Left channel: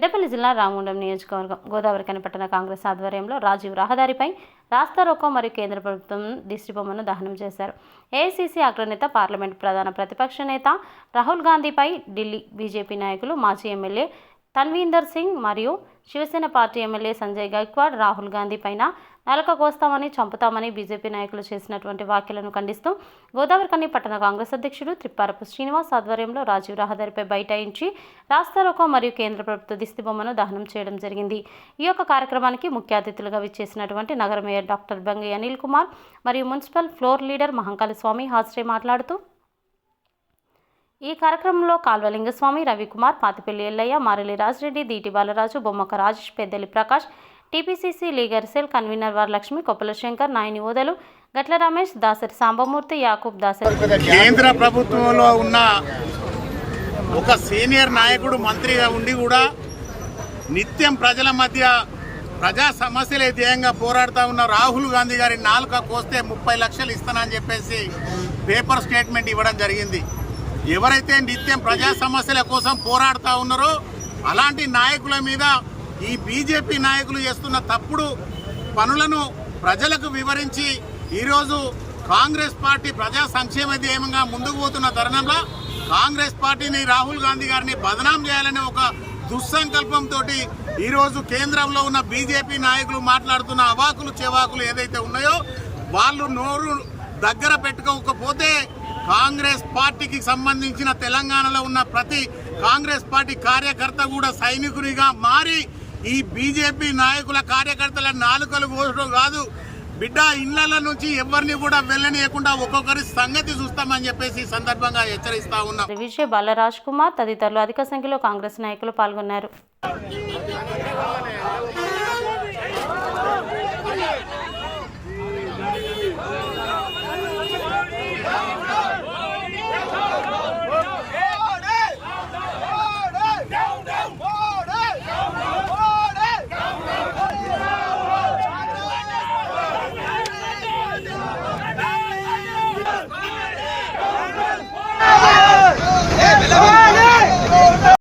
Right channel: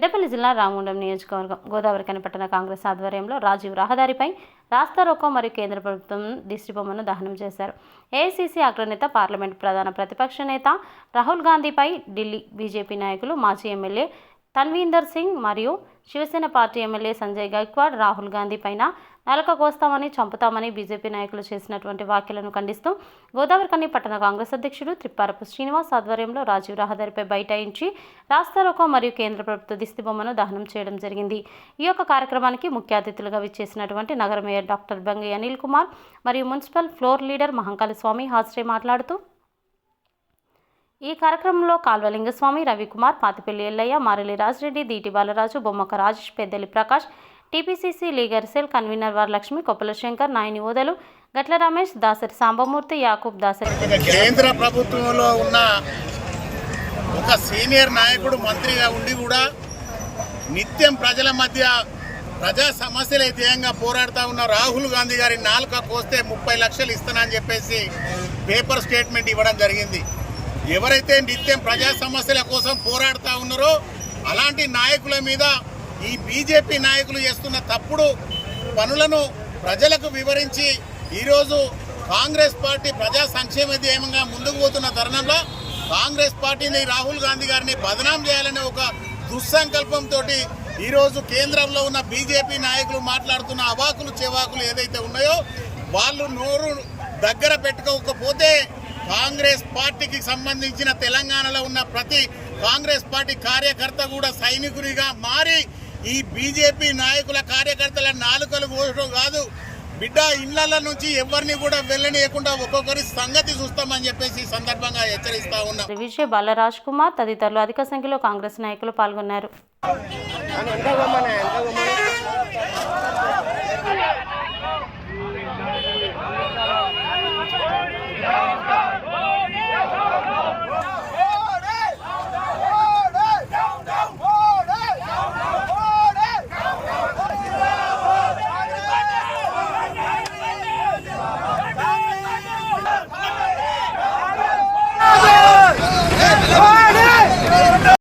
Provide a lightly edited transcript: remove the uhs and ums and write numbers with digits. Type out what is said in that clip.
పెద్దపల్లి జిల్లా రామగుండం నియోజకవర్గం గోదావరిఖని పట్టణ కాంగ్రెస్ ఆధ్వర్యంలో రాజీవ్ రహదారిపై రాస్తా రోకో మరియు కేంద్ర ప్రభుత్వం దిష్టిబొమ్మను దహనం చేశారు. ఏఐసీసీ అగ్రనేత పార్లమెంట్ ప్రధాన ప్రతిపక్ష నేత రాహుల్ గాంధీపై ఢిల్లీ బీజేపీ నాయకులు మాజీ ఎమ్మెల్యే తన్వీందర్ సింగ్ మరియు శివసేన పార్టీ ఎమ్మెల్యే సంజయ్ గైక్వాడ్ రాహుల్ గాంధీ పైన నాలుక కోస్తామని చంపుతామని బీజేపీ నాయకులు చేసినటువంటి వ్యాఖ్యలను ఖండిస్తూ గోదావరిఖని పట్టణ కాంగ్రెస్ అధ్యక్షుడు త్రిప్పారపు శ్రీనివాస్ ఆధ్వర్యంలో రాజీవ్ రహదారిపై బైఠాయించి రాస్తా రోకో మరియు కేంద్ర ప్రభుత్వ దిష్టిబొమ్మను దహనం చేయడం జరిగింది. ఈ యొక్క కార్యక్రమానికి ముఖ్య అతిథులుగా విచ్చేసినటువంటి నగర మేయర్ డాక్టర్ బంగి అనిల్ కుమార్ మరియు municipal floor leader Mahankali Swamy హాజరై మాట్లాడుతూ ఈ కార్యక్రమంలో Kalvalingaswamy, Ravikumar, Patipalli Ellaiah, Marelli Rajireddy, Deeti Balaraju, Bommaka Rajesh, Peddali Prakash, TPCC legal cell convener Varalakshmi, Koppula Shankar, Nayani Odalu, Gatla Ramesh, Dasari Sambamurthy, Yakub, Dasari. కేంద్ర ప్రభుత్వంలో ఉన్న ఒక సీనియర్ నాయకుడు మంత్రిగా ఉండి కూడా నిత్యం ప్రజల మధ్య ప్రజా సమస్యలే ధ్యేయంగా పోరాడుతూ ఉన్న రాహుల్ గాంధీ గారి నాలుక కోస్తే 30 లక్షలు ఇస్తానని చెప్పేసి పేపర్ స్టేట్మెంట్ ఇవ్వడం జరిగింది. ఎవరైతే నిత్యం ప్రజా సమస్యల కోసం పోరాడుతూ ఉన్నారో అలాంటి నాయకుల మీద ఈ బీజేపీ నాయకులు చేస్తున్న తప్పుడు పనులను ప్రజలకు వివరించి ఈరోజు కాంగ్రెస్ పార్టీ ప్రజా సంక్షేమ ధ్యేయంగా ముందుకు పోతున్న తరుణంలో కాంగ్రెస్ పార్టీని రాహుల్ గాంధీ గారిని బదనాం చేయాలనే ఒక దుస్సంకల్పంతో ఈరోజు కేంద్రంలో ఉన్న బీజేపీ నాయకులు మాట్లాడుతున్న అవాకులు చెవాకులు ఏదైతే ఉన్నాయో వాళ్ళు నోరు దగ్గర పెట్టుకోకపోతే కాంగ్రెస్ పార్టీకి సంబంధించిన తెలంగాణలో ఉన్న ప్రతి కాంగ్రెస్ పార్టీ కార్యకర్త కూడా సైనికునిగా మారి ఈ బీజేపీ నాయకుల కార్యకర్తల నాలుకలు కోసడం కాదు బిడ్డ ఇళ్ల నుంచి ఎవరిని కూడా వెళ్ళనీయకుండా ఒక్కొక్కరి సంగతి చూస్తామని చెప్పేసి సందర్భంగా హెచ్చరిస్తా ఉన్నాం. విజయ్ బాలరాజ్ కుమార్ తదితరులు అధిక సంఖ్యలో కాంగ్రెస్ నాయకులు పాల్గొన్నారు.